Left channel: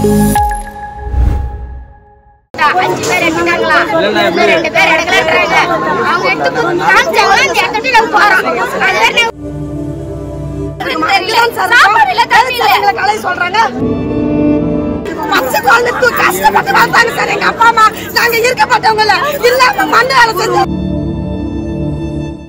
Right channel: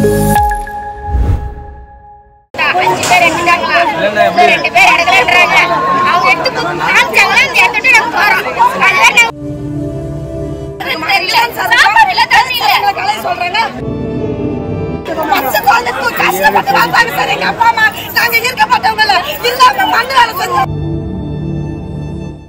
5 பேர் எடுத்துட்டாங்களா? 2 பேர் எடுக்கலன்றாங்க. அவங்க எடுத்து காமிச்சாங்களா இந்த இடத்துக்கு நம்ம போறோம். அதுதான் சாப்பாடு இல்ல தண்ணி இல்ல எங்களை கலை சொல்றாங்க. பச்சை குழந்தைக்கு கஷ்டப்பட்டு வந்தாங்க சார் எங்க அப்பா அம்மா. நாங்க இருக்கப்பட்டவங்கள இல்லாம மண்ணால செஞ்சு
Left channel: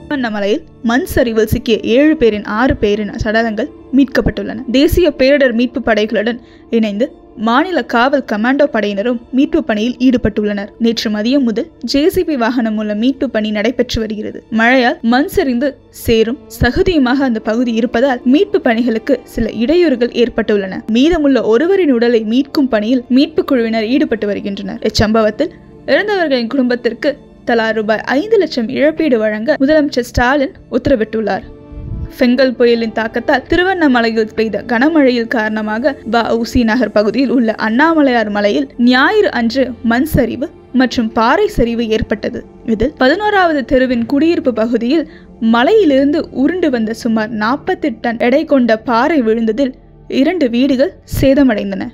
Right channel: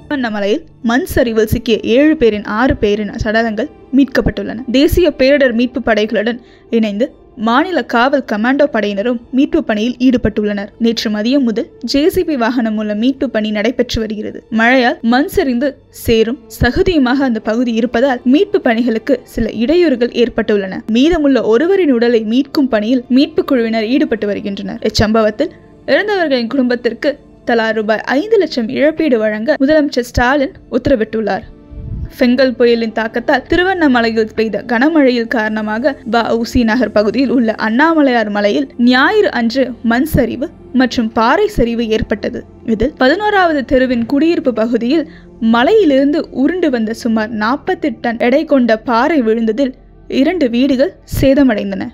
திருவண்ணாமலையில் மண் சரிவில் சிக்கிய 7 பேரின் 6 பேரின் சடலங்கள் மீட்கப்பட்டுள்ளன. தேசிய பேரிடர் மீட்பு படைகளுடன் இணைந்து மாநில காவல் கமாண்டோ படையினரும் மீட்பு பணியில் ஈடுபட்டுள்ளனர். நேற்று மதியம் முதல் ஜேசிபி வாகனம் மூலம் மீட்பு பணி நடைபெற்று வருகிறது. மழையால் மண் சரிந்து சேரும் சகதியுமாக அந்த பகுதி இருப்பதால் மீட்பு பணிகளுக்கு சில இடையூறுகள் ஏற்பட்டுள்ளன. மீதமுள்ள ஒருவரின் உடலை மீட்கும் பணியில் மீட்பு குழுவினர் ஈடுபட்டு வருகின்றனர். இச்சம்பவத்தில் இறந்தவர்களின் குடும்பத்திற்கு தலா ரூபாய் 5 லட்சம் இழப்பீடு வழங்க முதலமைச்சர் ஸ்டாலின் உத்தரவிட்டுள்ளார். பெங்கல் புயலின் தாக்கத்தால் திருவண்ணாமலையில் பெய்த கனமழையில் காரணமாக வ.உ.சி. நகர் பகுதியில் உள்ள அண்ணாமலையார் மலையில் ஞாயிறு அன்று மண் சரிவு மற்றும் பாறை சரிவு ஏற்பட்டது. இதில் 11வது தெருவின் குடியிருப்பு பகுதியில் மலையிலிருந்து உருண்டு வந்த சுமார் 40 டன் எடை கொண்ட பாறை விழுந்ததில் 2 வீடுகள் சேதமடைந்தன.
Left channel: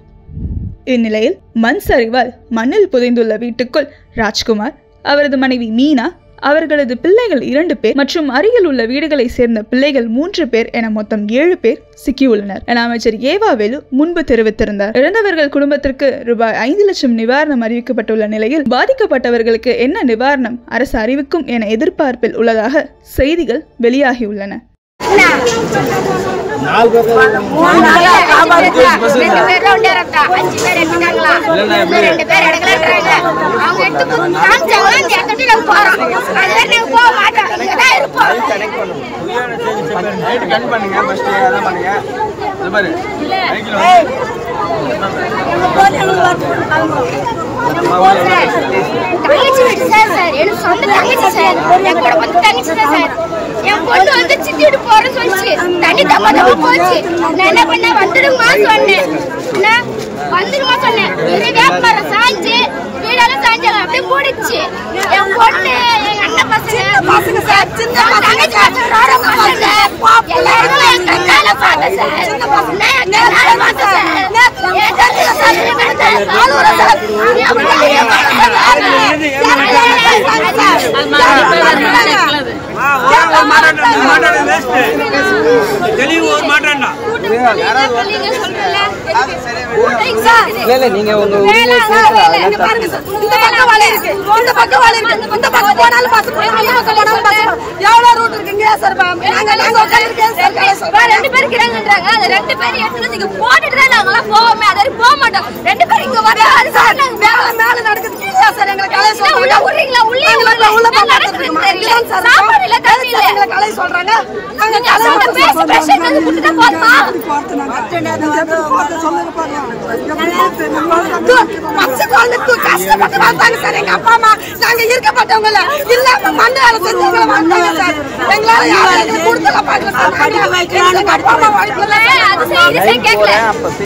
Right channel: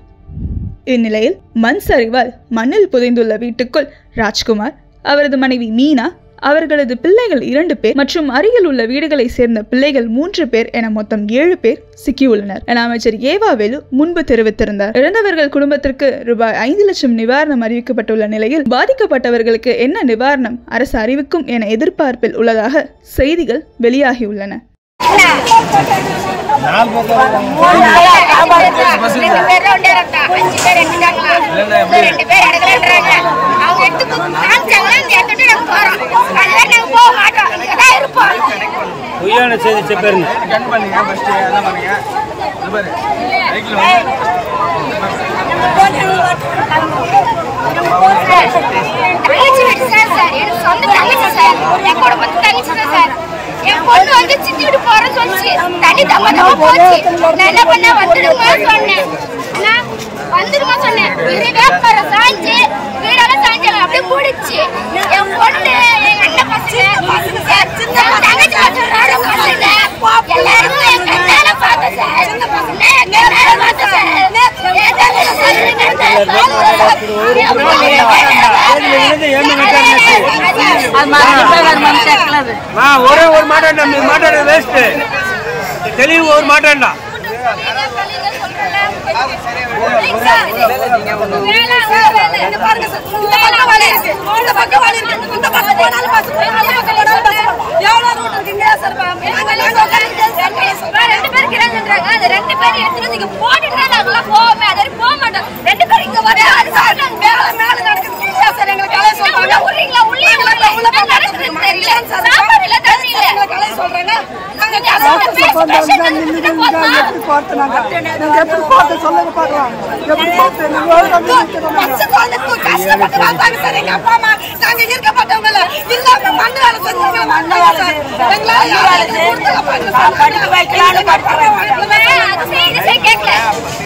இந்நிலையில் மண் சரிவால் மண்ணில் புதைந்துள்ள வீட்டுக்குள் ராஜ்குமார், அவரது மனைவி மீனா, அவர்களது பிள்ளைகள் 2 பேர் மற்றும் அருகில் உள்ள வீடுகளை சேர்ந்த பிள்ளைகள் 3 பேர் என மொத்தம் 7 பேர் சிக்கியுள்ளனர் என அமைச்சர் ஏவாவேலு முன்பு தெரிவித்திருந்தார். இறந்தவர்கள் குடும்பத்திற்கு ரூபாய் 5 லட்சம் நிவாரணம் அறிவிக்கப்பட்டுள்ள நிலையில் பாதிக்கப்பட்டவர்களுக்கு என்ன நிவாரணம் அரசு அறிவிக்கும் என எதிர்பார்ப்பில் உள்ளதாக செய்திகள் வெளியாகியுள்ளன. என் பொண்ணு வந்து சித்திட்டு போறேன்னு சொல்லிச்சு. தண்ணி தப்பா போச்சு. நான் என்ன பண்ண வந்துடுமா சொன்னேன். வந்துடுமா சொன்னேன். வேப்பமரம் சாய்ஞ்சு வீடெல்லாம் சாய்ஞ்சாங்க. அப்படியே கூடிச்சு. என் பொண்ணு எங்க அண்ணன் பசங்க தங்கச்சி எல்லாருமே என் கண்ணால பார்த்தேன் சார். என் கண்ணால பார்த்தேன் சார். கஷ்டப்பட்டு வந்தாங்க சார் எங்க அப்பா அம்மா. நாங்க இருக்கப்பட்டவங்கள இல்லாம மண்ணால படிக்க வைக்கலாம்னு